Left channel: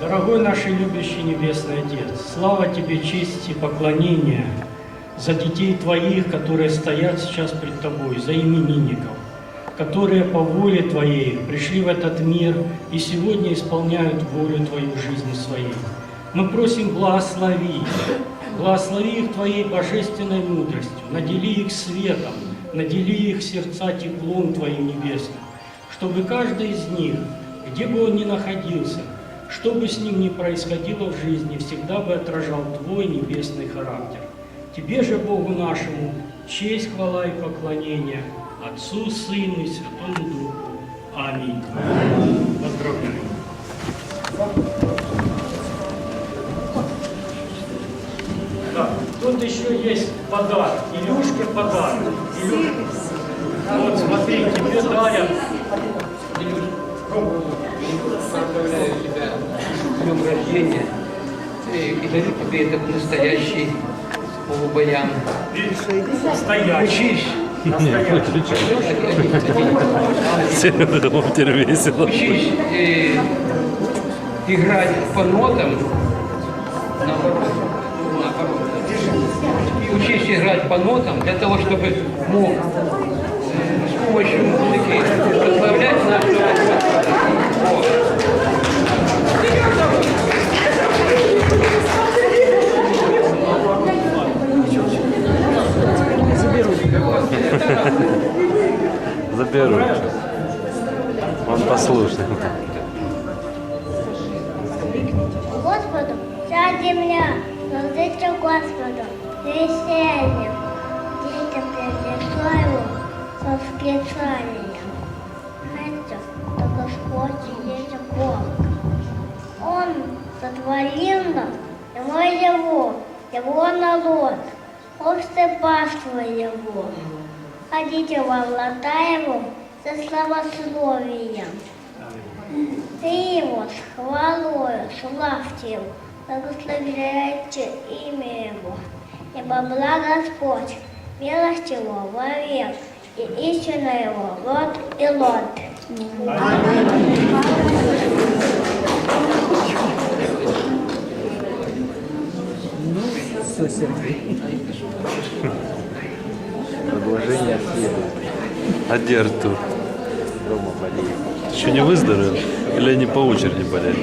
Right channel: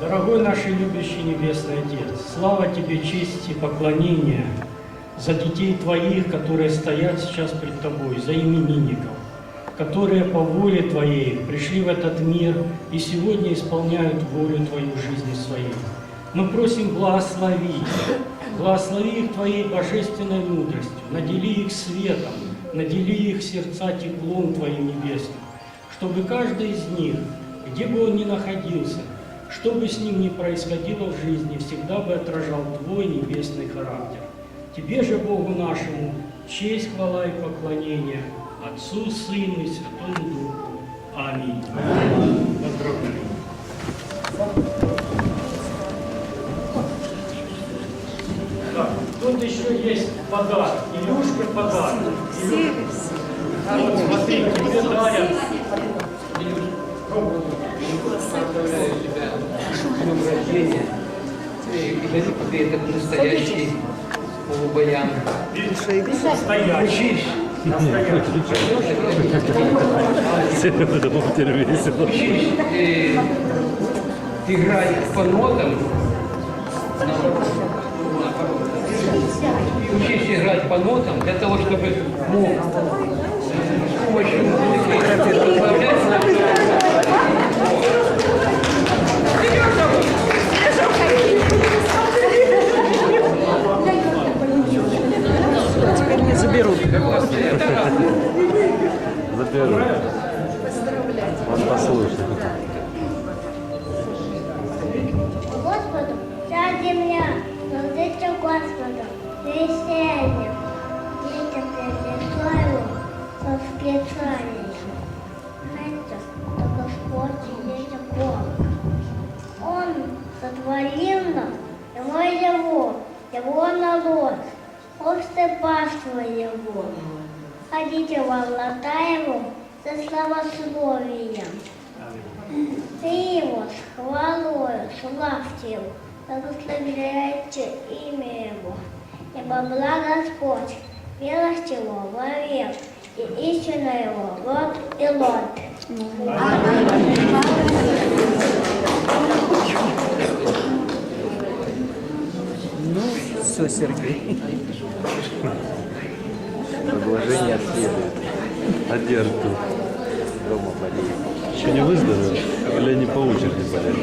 Дорогой наш и любящий Небесный Отец, слава Тебе, честь и поклонение за детей Твоих, которые стоят сейчас пред Тобой, за именинников, которые по воле Твоей пришли в этот мир и сегодня исполняют волю Твою жизни своей. Мы просим благослови, благослови их Твоей божественной мудростью, надели их светом, надели их сердца теплом Твоим небесным, чтобы каждый из них, где бы он ни находился, что бы с ним ни происходило в жизни, всегда бы отражал Твой небесный характер. Тебе же, Богу нашему, честь, хвала и поклонение, Отцу, Сыну и Святому Духу. Аминь. Поздравляю. Так, тут еще есть подарок. Илюшке подарок. Илюшке. Вот, смотри, тебе дарят. Поздравляю тебя с днем рождения. И дарю тебе этот настоящий полубаян. Стоящий. Серега думал, теперь весело. учись играть по нотам. Наоборот. учись играть по нотам для того, чтобы мог Заберу. Он послушный. Господу вся земля, служите Господу, весельем, детям принесла его со восклицанием. Знаете, что Господь есть Бог. Он сотворил нас, его его, его народ, общество паства его. Ходите во врата его со словословием. Ты его с хвалою, славьте его, благословляйте имя его. Ибо благ Господь, милость его вовек, и истина его род и лот. Ну, все, Сергей. Предложение следует. А где Артур? Дома болеет. Еще не выздоровел? Или они по очереди болеют?